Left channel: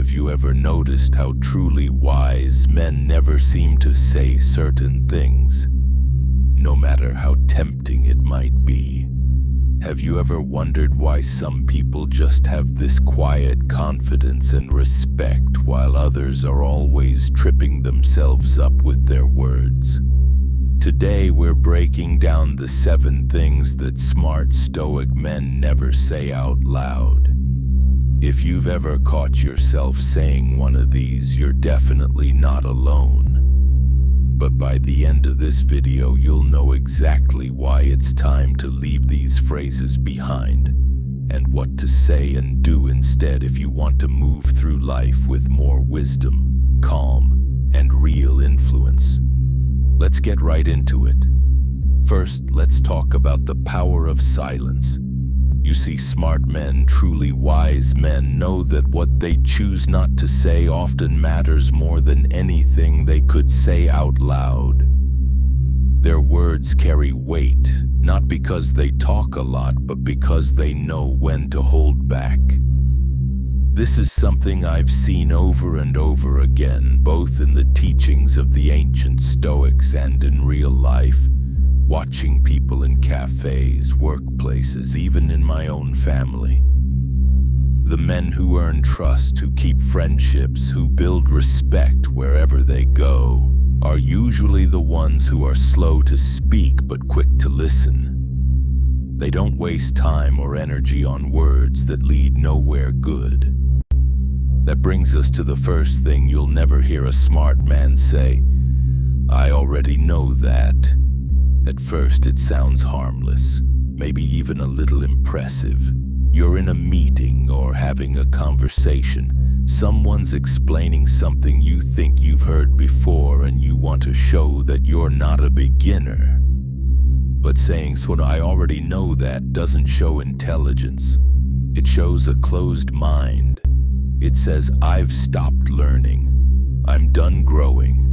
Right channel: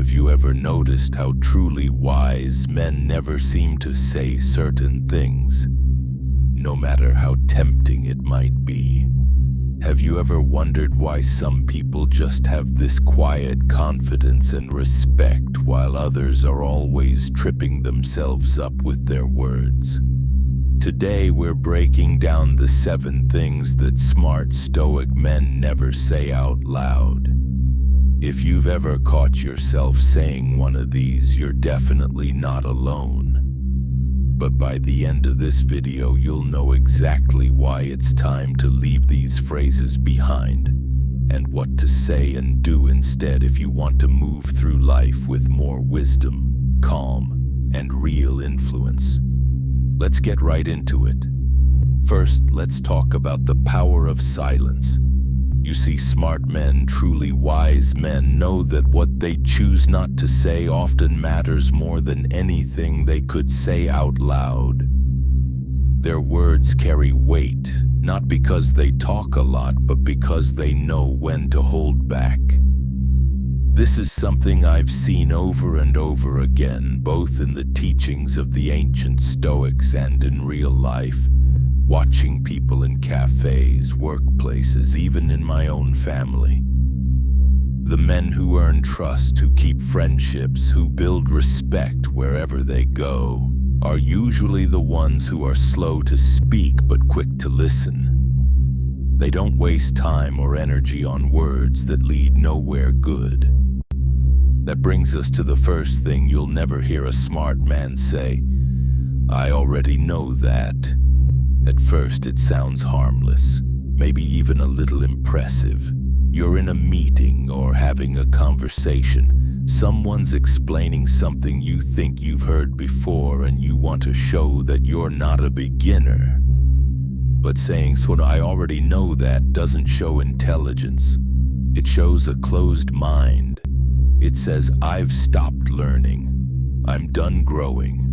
Have you ever noticed how truly wise men never seem to say certain things, no matter how tempting it might be? Have you ever wondered why some people just have this quiet confidence and respect while others are always tripping themselves up with their words? Today we're breaking down the 7 things that smart Stoic men never say out loud. If you've ever caught yourself saying one of these, you're definitely not alone. But by the end of this video, you'll know exactly why it's time to leave these phrases behind and what to say and do instead if you want to move through life with more wisdom, calm, and real influence. Let's get right into it. First, let's talk about the power of silence. You see, smart men, truly wise men, know that what they choose not to say often matters more than anything they could say out loud. Their words carry weight, not because they talk a lot, but because they know when to hold back. This is something I've seen over and over again, both in the teachings of the ancient Stoics and in real life, watching people in cafes, workplaces, even in my own family. The men who earn trust, who keep friendships, who build respect wherever they go, are usually the ones who are slow to speak but quick to listen. They don't waste time or energy on words that lead nowhere good. That brings us to the first thing you'll never hear a smart man say: "I already know that." At first it sounds harmless, maybe even a little impressive. You're in a meeting or having a conversation. Someone's explaining something you think you've heard before and you want to show that you're not a beginner. But saying "I already know that" doesn't show intelligence. It shows a closed mind. It says, "I've stopped learning. I'm done growing."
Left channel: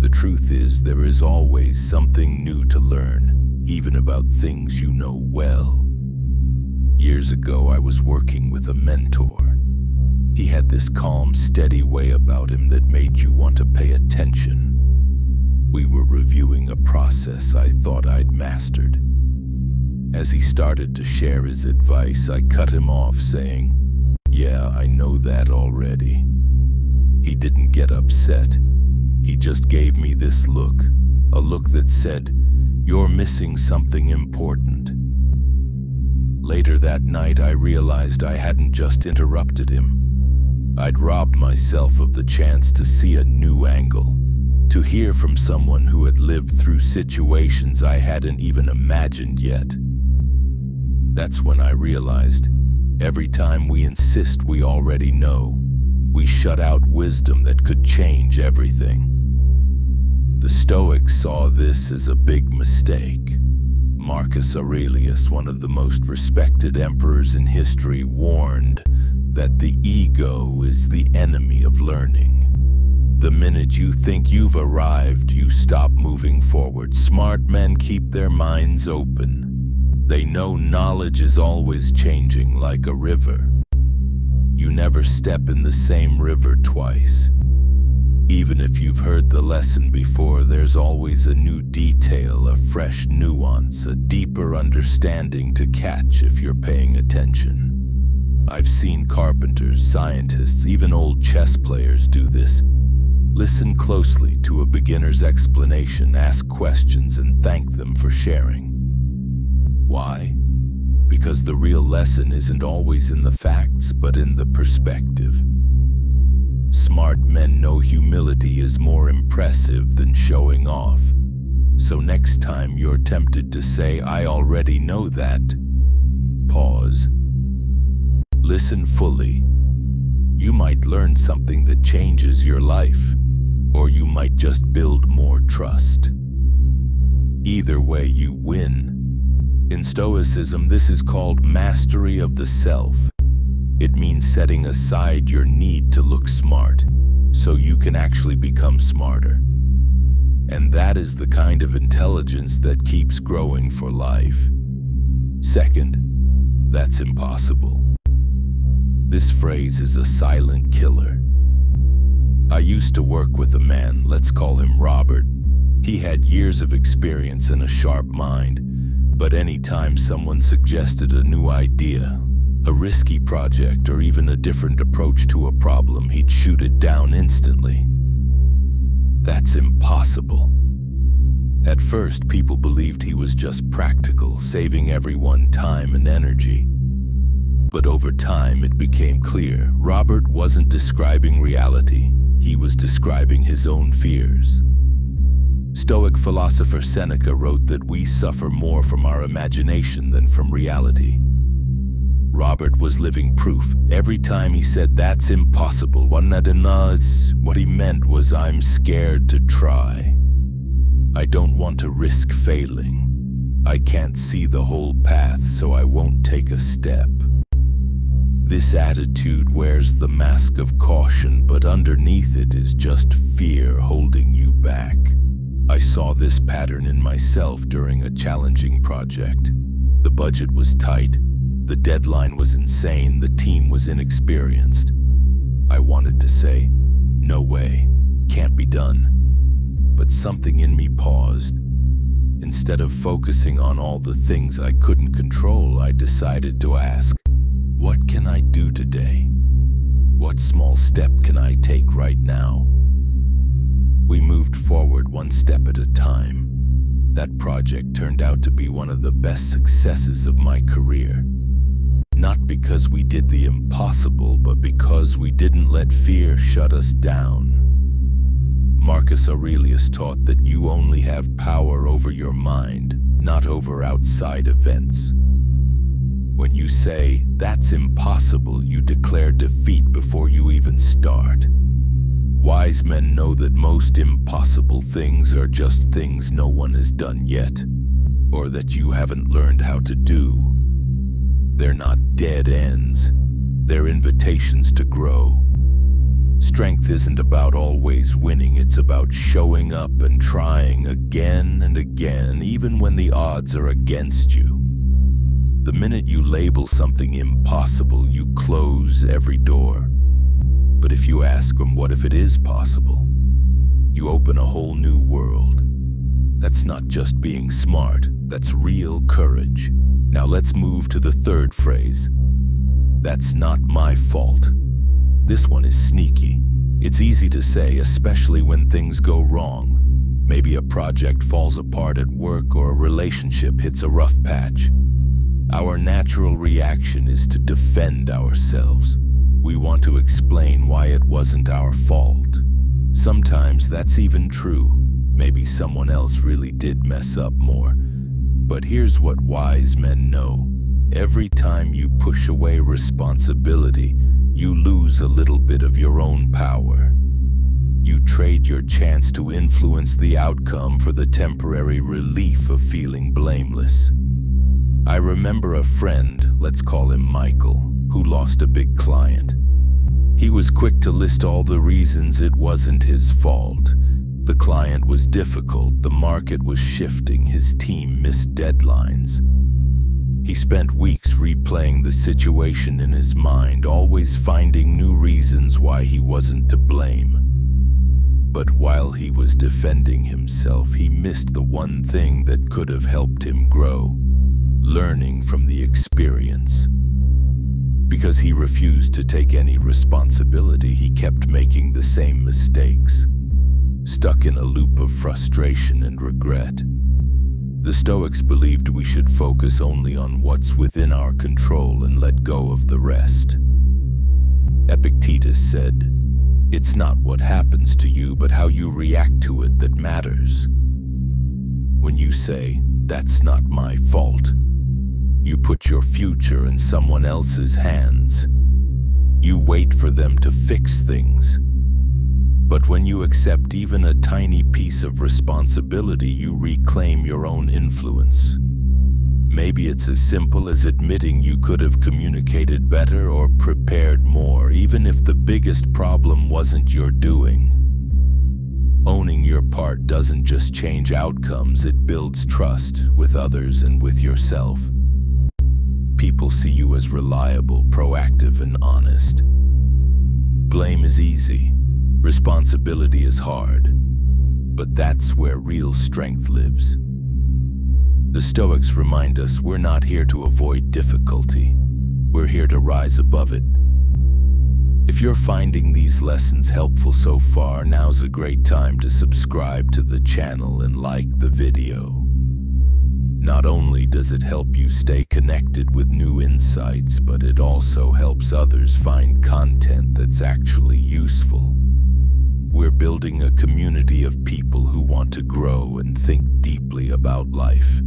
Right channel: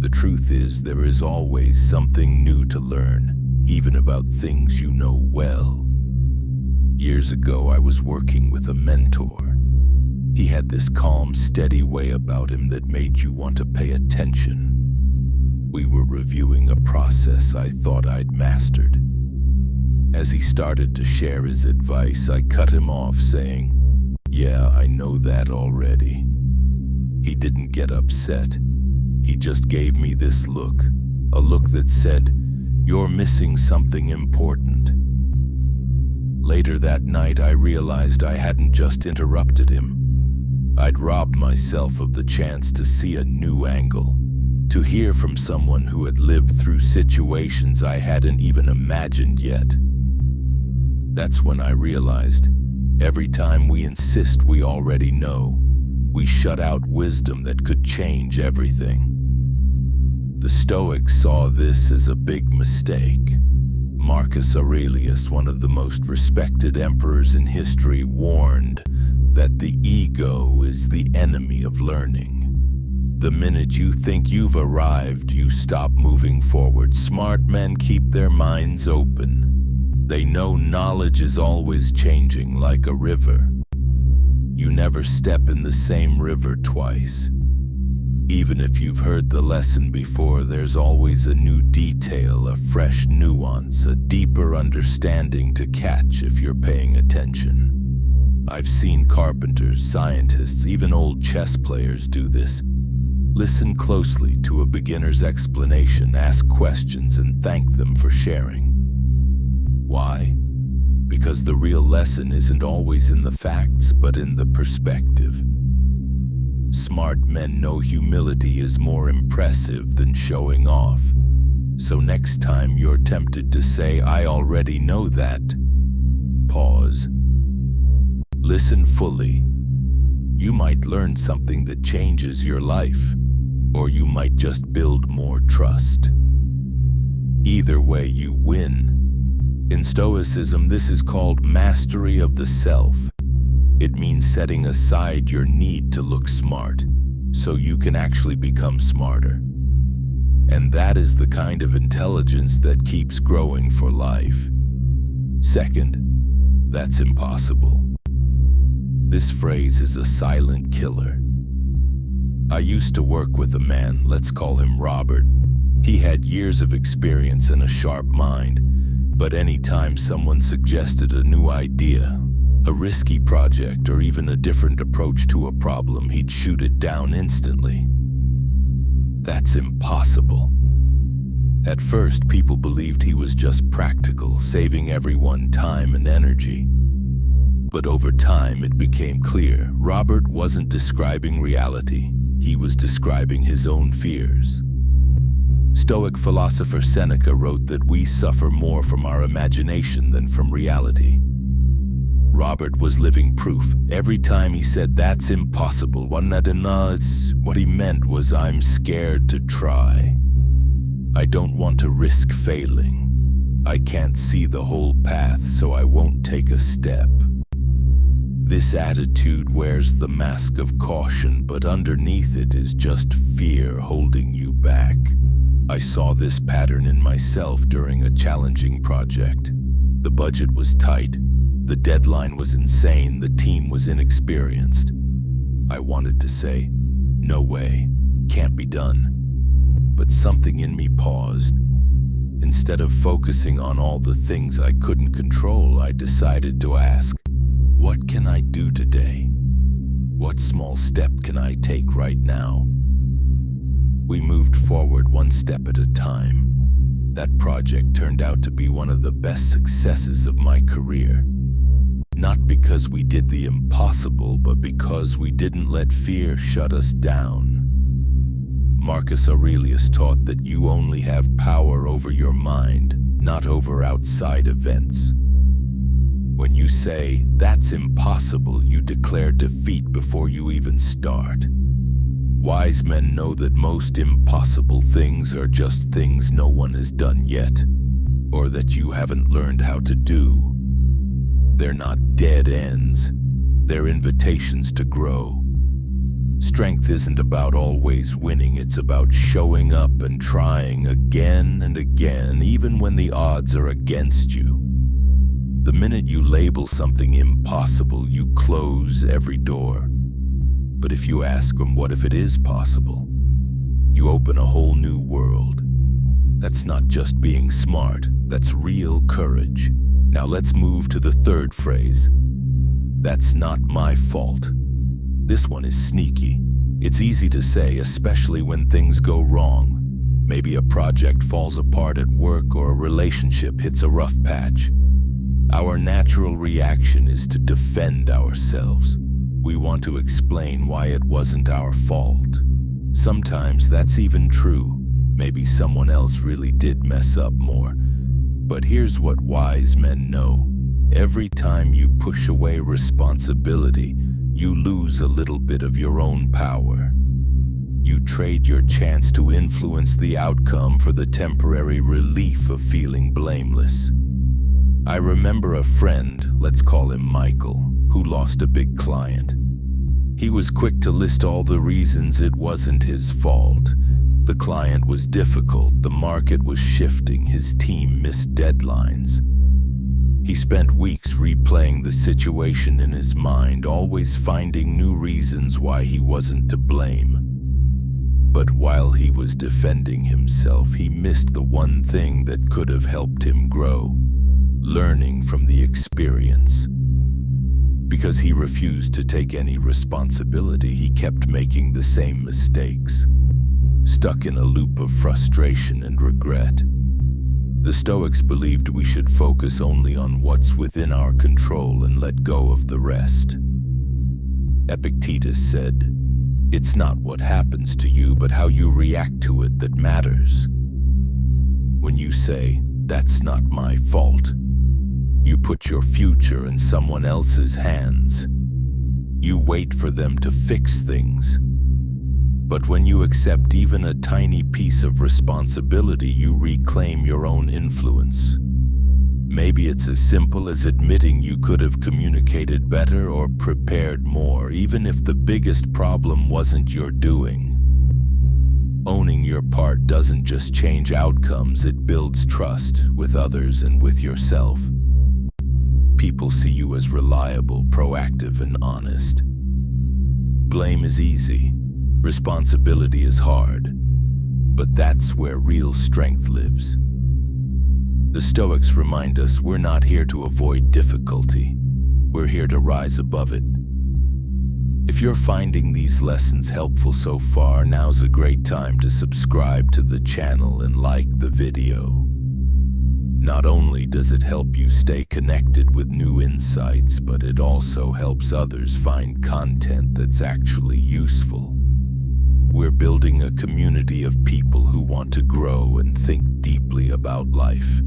The truth is, there is always something new to learn, even about things you know well. Years ago, I was working with a mentor. He had this calm, steady way about him that made you want to pay attention. We were reviewing a process I thought I'd mastered. As he started to share his advice, I cut him off, saying, "Yeah, I know that already." He didn't get upset. He just gave me this look, a look that said, "You're missing something important." Later that night, I realized I hadn't just interrupted him. I'd robbed myself of the chance to see a new angle, to hear from someone who had lived through situations I hadn't even imagined yet. That's when I realized, every time we insist we already know, we shut out wisdom that could change everything. The Stoics saw this as a big mistake. Marcus Aurelius, one of the most respected emperors in history, warned that the ego is the enemy of learning. The minute you think you've arrived, you stop moving forward. Smart men keep their minds open. They know knowledge is always changing, like a river. You never step in the same river twice. Even if you've heard the lesson before, there's always a new detail, a fresh nuance, a deeper understanding to catch if you're paying attention. I've seen carpenters, scientists, even old chess players do this. Listen closely to a beginner's explanation, ask questions, and thank them for sharing. Why? Because the real lesson isn't always in the facts, but in the perspective. Smart men know humility is more impressive than showing off. So next time you're tempted to say, "I already know that," pause. Listen fully. You might learn something that changes your life, or you might just build more trust. Either way, you win. In Stoicism, this is called mastery of the self. It means setting aside your need to look smart, so you can actually become smarter. And that is the kind of intelligence that keeps growing for life. Second, that's impossible. This phrase is a silent killer. I used to work with a man, let's call him Robert. He had years of experience and a sharp mind, but anytime someone suggested a new idea, a risky project, or even a different approach to a problem, he'd shoot it down instantly. That's impossible. At first, people believed he was just practical, saving everyone time and energy. But over time, it became clear Robert wasn't describing reality. He was describing his own fears. Stoic philosopher Seneca wrote that we suffer more from our imagination than from reality. Robert was living proof. Every time he said, "That's impossible," what he meant was, "I'm scared to try. I don't want to risk failing. I can't see the whole path, so I won't take a step." This attitude wears the mask of caution, but underneath it is just fear holding you back. I saw this pattern in myself during a challenging project. The budget was tight, the deadline was insane, the team was inexperienced. I wanted to say, "No way, can't be done." But something in me paused. Instead of focusing on all the things I couldn't control, I decided to ask, what can I do today? What small step can I take right now? We moved forward one step at a time. That project turned out to be one of the best successes of my career. Not because we did the impossible, but because we didn't let fear shut us down. Marcus Aurelius taught that you only have power over your mind, not over outside events. When you say, "That's impossible," you declare defeat before you even start. Wise men know that most impossible things are just things no one has done yet, or that you haven't learned how to do. They're not dead ends, they're invitations to grow. Strength isn't about always winning, it's about showing up and trying again and again, even when the odds are against you. The minute you label something impossible, you close every door. But if you ask them, what if it is possible? You open a whole new world. That's not just being smart, that's real courage. Now let's move to the third phrase. That's not my fault. This one is sneaky. It's easy to say, especially when things go wrong. Maybe a project falls apart at work or a relationship hits a rough patch. Our natural reaction is to defend ourselves. We want to explain why it wasn't our fault. Sometimes that's even true. Maybe someone else really did mess up more. But here's what wise men know. Every time you push away responsibility, you lose a little bit of your own power. You trade your chance to influence the outcome for the temporary relief of feeling blameless. I remember a friend, let's call him Michael, who lost a big client. He was quick to list all the reasons it wasn't his fault. The client was difficult, the market was shifting, his team missed deadlines. He spent weeks replaying the situation in his mind, always finding new reasons why he wasn't to blame. But while he was defending himself, he missed the one thing that could have helped him grow, learning from the experience. Because he refused to take any responsibility, he kept making the same mistakes, stuck in a loop of frustration and regret. The Stoics believed we should focus only on what's within our control and let go of the rest. Epictetus said, "It's not what happens to you, but how you react to it that matters." When you say, "That's not my fault," you put your future in someone else's hands. You wait for them to fix things. But when you accept even a tiny piece of responsibility, you reclaim your own influence. Maybe it's as simple as admitting you could have communicated better or prepared more, even if the biggest problem wasn't your doing. Owning your part doesn't just change outcomes, it builds trust with others and with yourself. People see you as reliable, proactive, and honest. Blame is easy. Responsibility is hard. But that's where real strength lives. The Stoics remind us we're not here to avoid difficulty. We're here to rise above it. If you're finding these lessons helpful so far, now's a great time to subscribe to the channel and like the video. Not only does it help you stay connected with new insights, but it also helps others find content that's actually useful. We're building a community of people who want to grow and think deeply about life,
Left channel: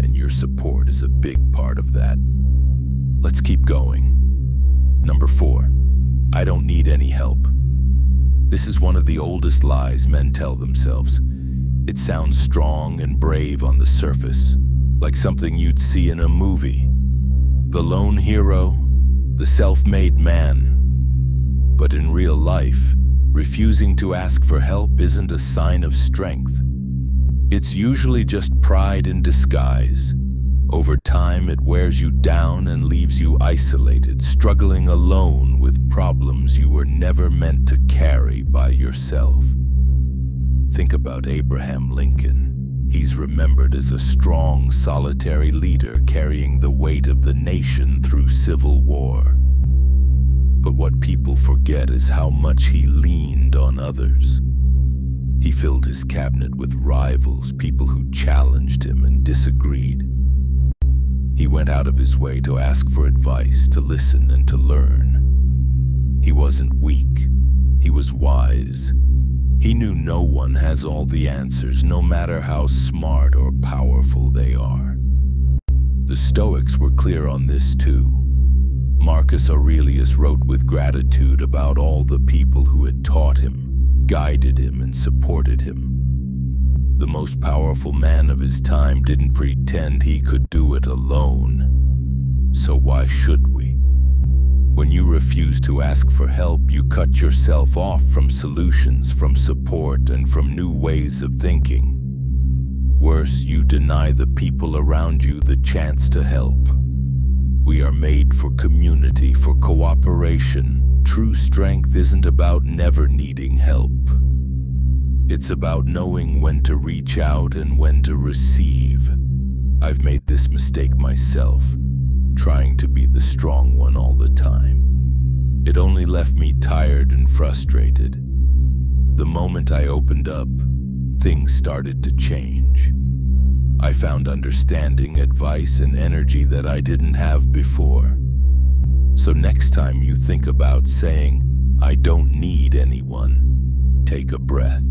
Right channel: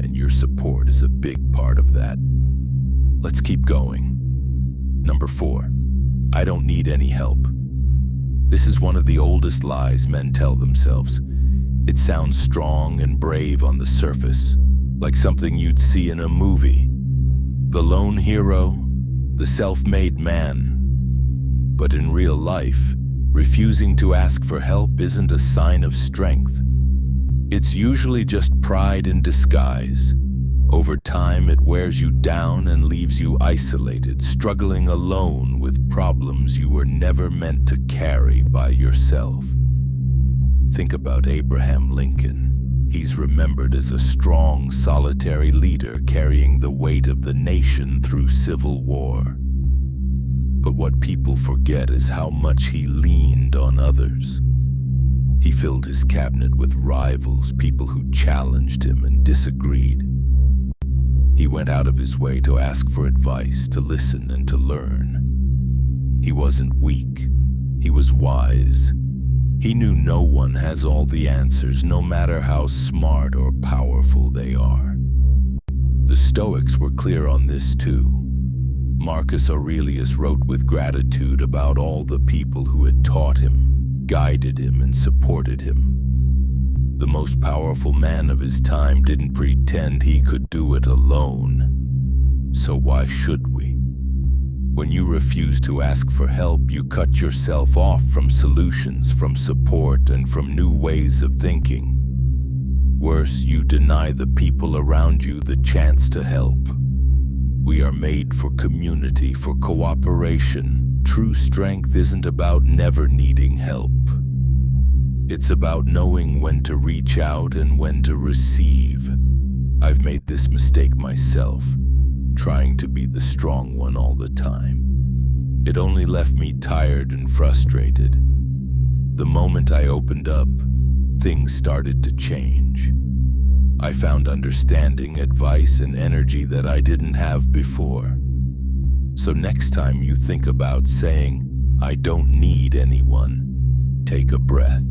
and your support is a big part of that. Let's keep going. Number 4, I don't need any help. This is one of the oldest lies men tell themselves. It sounds strong and brave on the surface, like something you'd see in a movie. The lone hero, the self-made man. But in real life, refusing to ask for help isn't a sign of strength. It's usually just pride in disguise. Over time, it wears you down and leaves you isolated, struggling alone with problems you were never meant to carry by yourself. Think about Abraham Lincoln. He's remembered as a strong, solitary leader carrying the weight of the nation through civil war. But what people forget is how much he leaned on others. He filled his cabinet with rivals, people who challenged him and disagreed. He went out of his way to ask for advice, to listen and to learn. He wasn't weak. He was wise. He knew no one has all the answers, no matter how smart or powerful they are. The Stoics were clear on this too. Marcus Aurelius wrote with gratitude about all the people who had taught him, guided him, and supported him. The most powerful man of his time didn't pretend he could do it alone. So why should we? When you refuse to ask for help, you cut yourself off from solutions, from support, and from new ways of thinking. Worse, you deny the people around you the chance to help. We are made for community, for cooperation. True strength isn't about never needing help. It's about knowing when to reach out and when to receive. I've made this mistake myself, trying to be the strong one all the time. It only left me tired and frustrated. The moment I opened up, things started to change. I found understanding, advice, and energy that I didn't have before. So next time you think about saying, "I don't need anyone," take a breath.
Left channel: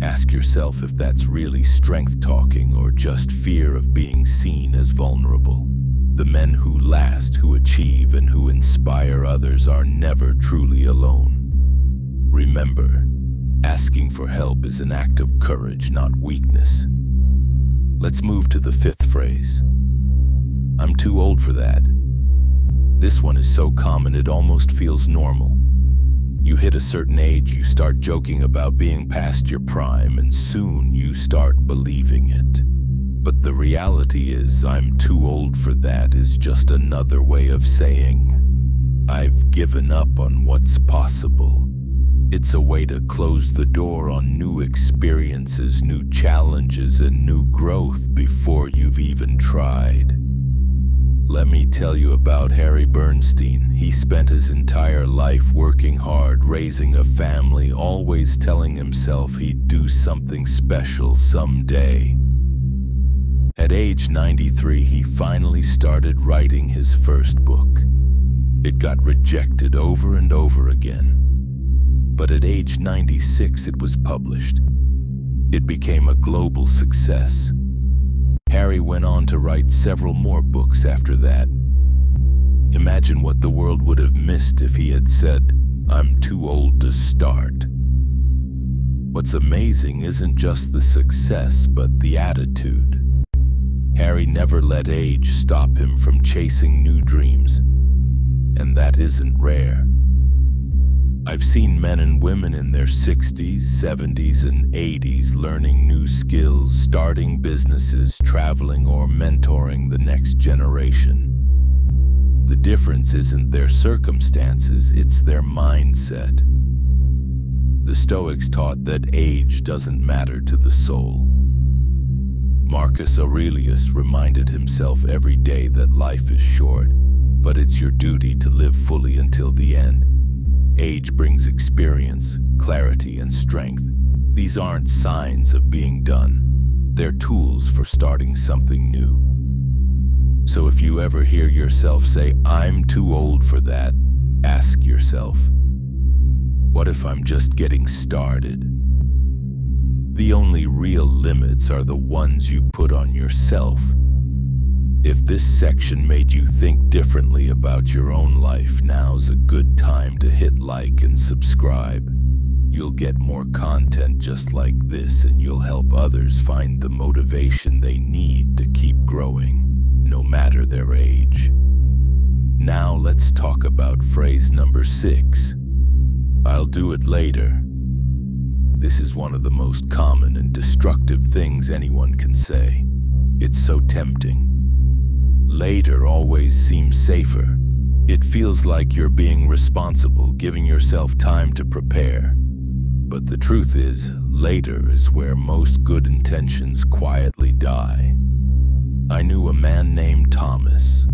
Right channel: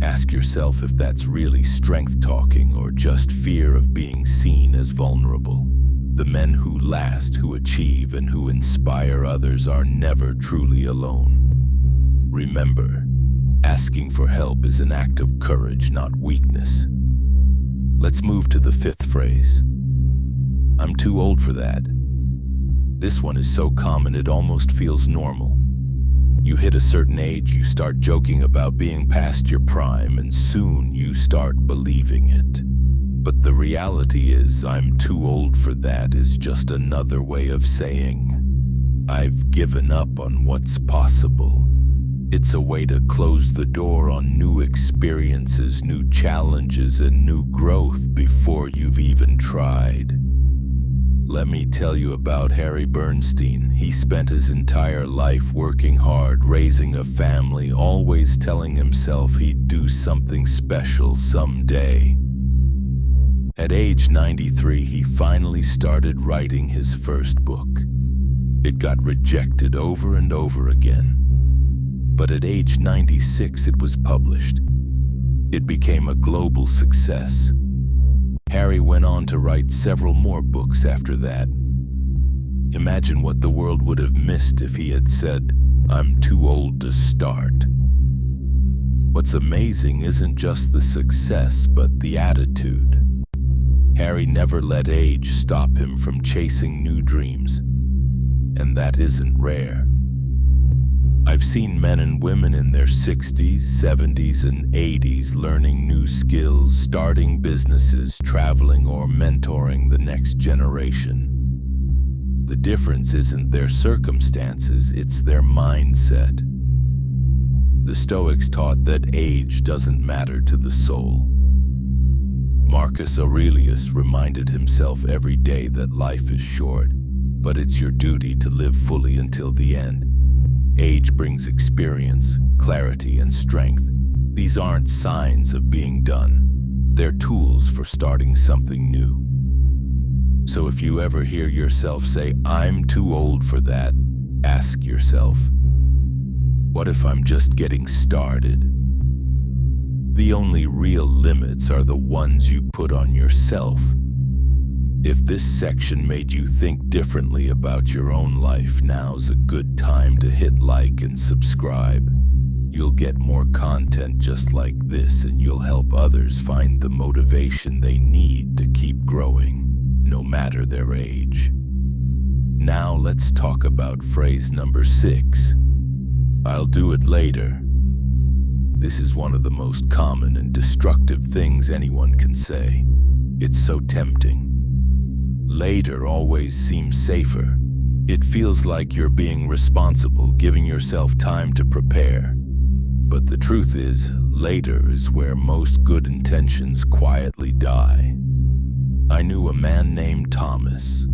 Ask yourself if that's really strength talking or just fear of being seen as vulnerable. The men who last, who achieve, and who inspire others are never truly alone. Remember, asking for help is an act of courage, not weakness. Let's move to the 5th phrase. I'm too old for that. This one is so common it almost feels normal. You hit a certain age, you start joking about being past your prime, and soon you start believing it. But the reality is, I'm too old for that is just another way of saying, I've given up on what's possible. It's a way to close the door on new experiences, new challenges, and new growth before you've even tried. Let me tell you about Harry Bernstein. He spent his entire life working hard, raising a family, always telling himself he'd do something special someday. At age 93, he finally started writing his first book. It got rejected over and over again. But at age 96, it was published. It became a global success. Harry went on to write several more books after that. Imagine what the world would have missed if he had said, "I'm too old to start." What's amazing isn't just the success, but the attitude. Harry never let age stop him from chasing new dreams, and that isn't rare. I've seen men and women in their 60s, 70s, and 80s learning new skills, starting businesses, traveling, or mentoring the next generation. The difference isn't their circumstances, it's their mindset. The Stoics taught that age doesn't matter to the soul. Marcus Aurelius reminded himself every day that life is short, but it's your duty to live fully until the end. Age brings experience, clarity, and strength. These aren't signs of being done. They're tools for starting something new. So if you ever hear yourself say, "I'm too old for that," ask yourself, what if I'm just getting started? The only real limits are the ones you put on yourself. If this section made you think differently about your own life, now's a good time to hit like and subscribe. You'll get more content just like this, and you'll help others find the motivation they need to keep growing, no matter their age. Now let's talk about phrase number 6. I'll do it later. This is one of the most common and destructive things anyone can say. It's so tempting. Later always seems safer. It feels like you're being responsible, giving yourself time to prepare. But the truth is, later is where most good intentions quietly die. I knew a man named Thomas.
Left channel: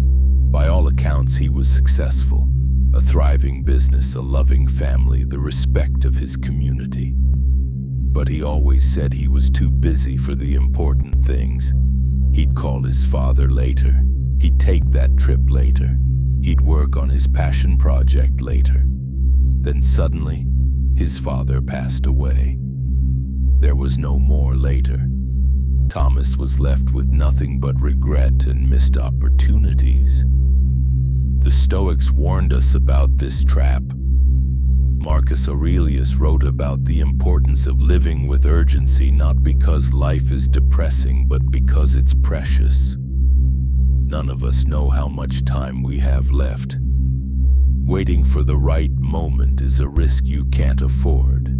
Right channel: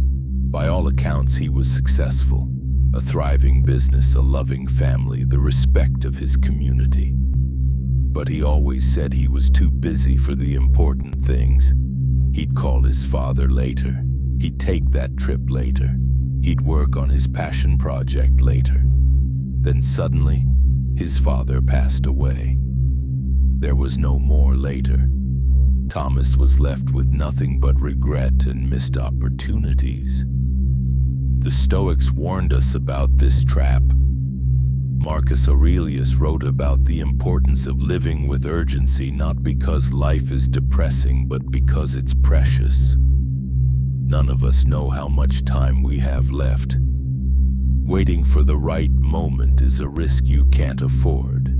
By all accounts, he was successful. A thriving business, a loving family, the respect of his community. But he always said he was too busy for the important things. He'd call his father later. He'd take that trip later. He'd work on his passion project later. Then suddenly, his father passed away. There was no more later. Thomas was left with nothing but regret and missed opportunities. The Stoics warned us about this trap. Marcus Aurelius wrote about the importance of living with urgency, not because life is depressing, but because it's precious. None of us know how much time we have left. Waiting for the right moment is a risk you can't afford.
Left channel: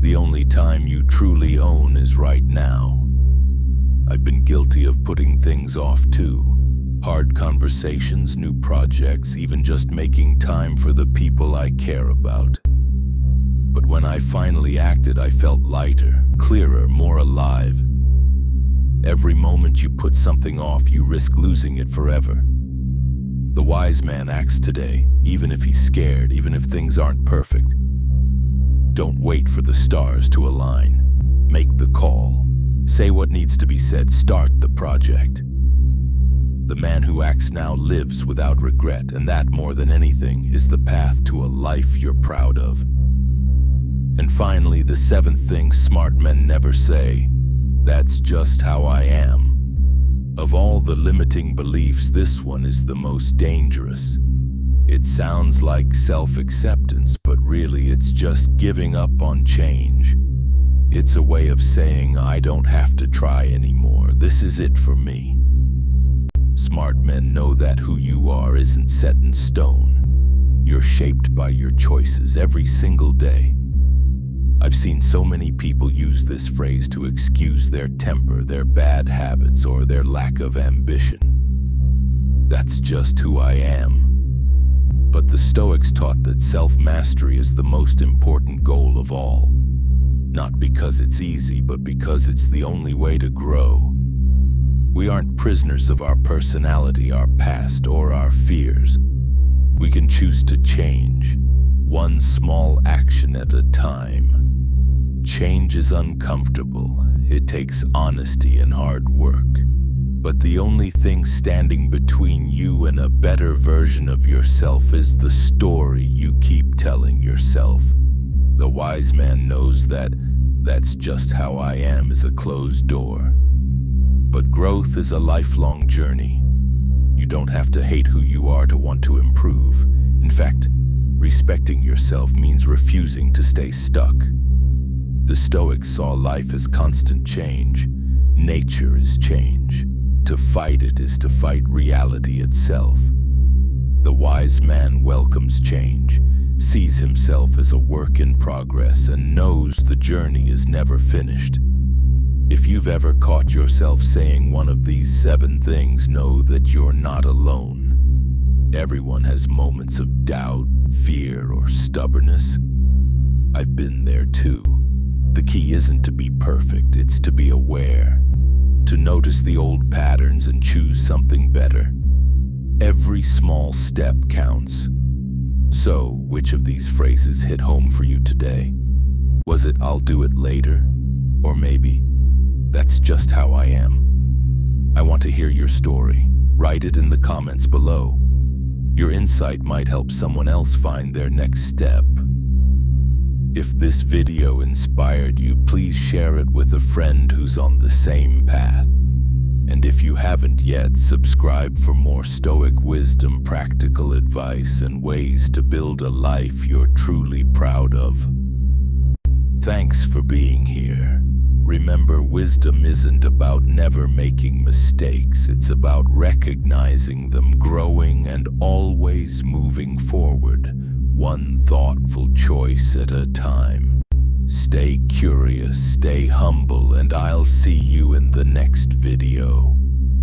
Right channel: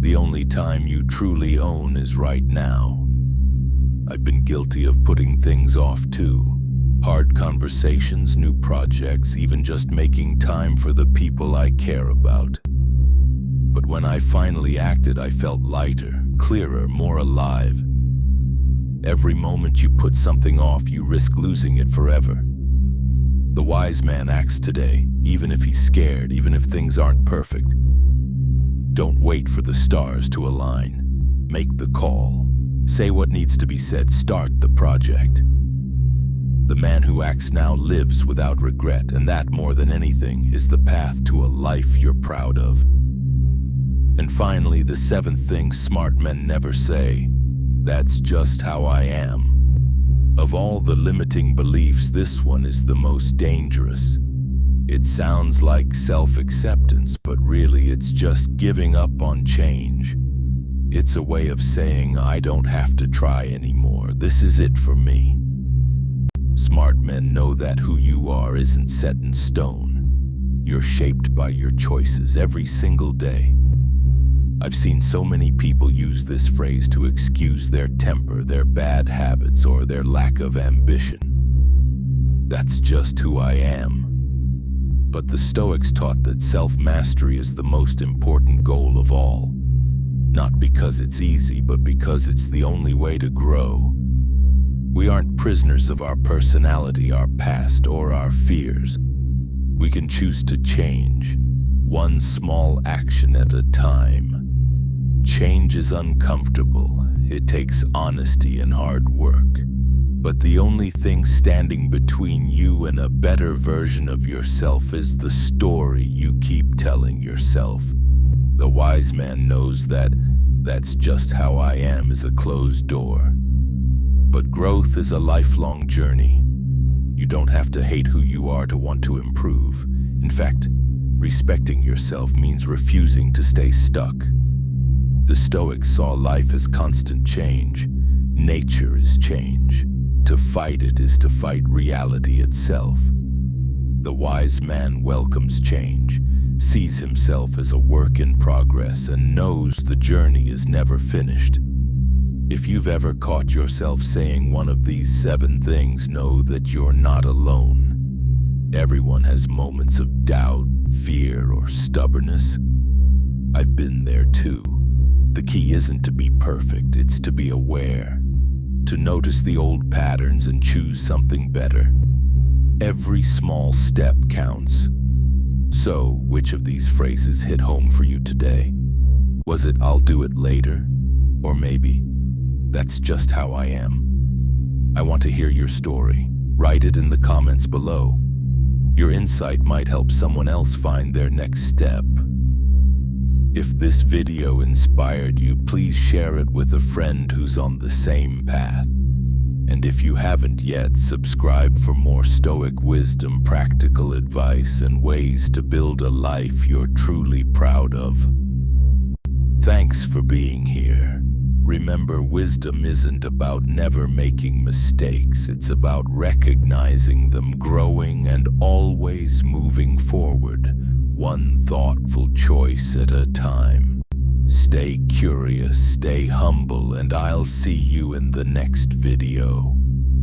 The only time you truly own is right now. I've been guilty of putting things off too. Hard conversations, new projects, even just making time for the people I care about. But when I finally acted, I felt lighter, clearer, more alive. Every moment you put something off, you risk losing it forever. The wise man acts today, even if he's scared, even if things aren't perfect. Don't wait for the stars to align. Make the call. Say what needs to be said. Start the project. The man who acts now lives without regret, and that, more than anything, is the path to a life you're proud of. And finally, the 7th thing smart men never say, that's just how I am. Of all the limiting beliefs, this one is the most dangerous. It sounds like self-acceptance, but really it's just giving up on change. It's a way of saying, I don't have to try anymore. This is it for me. Smart men know that who you are isn't set in stone. You're shaped by your choices every single day. I've seen so many people use this phrase to excuse their temper, their bad habits, or their lack of ambition. That's just who I am. But the Stoics taught that self-mastery is the most important goal of all. Not because it's easy, but because it's the only way to grow. We aren't prisoners of our personality, our past, or our fears. We can choose to change, one small action at a time. Change is uncomfortable. It takes honesty and hard work. But the only thing standing between you and a better version of yourself is the story you keep telling yourself. The wise man knows that that's just how I am is a closed door. But growth is a lifelong journey. You don't have to hate who you are to want to improve. In fact, respecting yourself means refusing to stay stuck. The Stoics saw life as constant change. Nature is change. To fight it is to fight reality itself. The wise man welcomes change, sees himself as a work in progress, and knows the journey is never finished. If you've ever caught yourself saying one of these 7 things, know that you're not alone. Everyone has moments of doubt, fear, or stubbornness. I've been there too. The key isn't to be perfect, it's to be aware, to notice the old patterns and choose something better. Every small step counts. So, which of these phrases hit home for you today? Was it "I'll do it later"? Or maybe, "That's just how I am"? I want to hear your story. Write it in the comments below. Your insight might help someone else find their next step. If this video inspired you, please share it with a friend who's on the same path. And if you haven't yet, subscribe for more Stoic wisdom, practical advice, and ways to build a life you're truly proud of. Thanks for being here. Remember, wisdom isn't about never making mistakes. It's about recognizing them, growing, and always moving forward, one thoughtful choice at a time. Stay curious, stay humble, and I'll see you in the next video.